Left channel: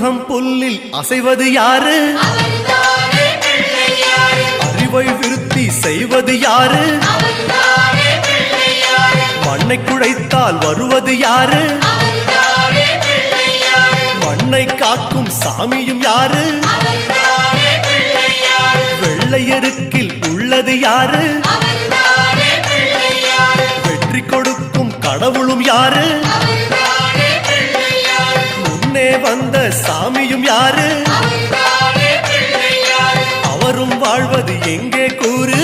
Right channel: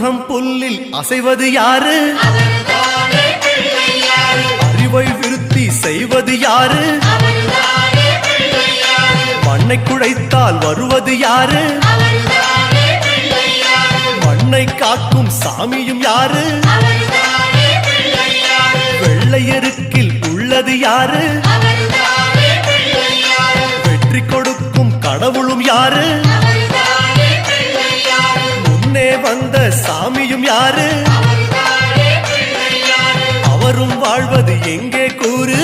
அருகம் புல்லில் அசைவது யாரு? அறிவை விருத்தி செய்வது யாரு? மண்ணை குழைத்தால் வருவது யாரு? மண்ணை காக்கும் சாமியும் யாரு? வெள்ளையருக்கில் உள்ளது யாரு? வெற்றி கொடுக்கும் கடவுளும் யாரு? முன்னே வந்த சாமியும் யாரு? அவரும் வாழ்வது எங்கே கூறு?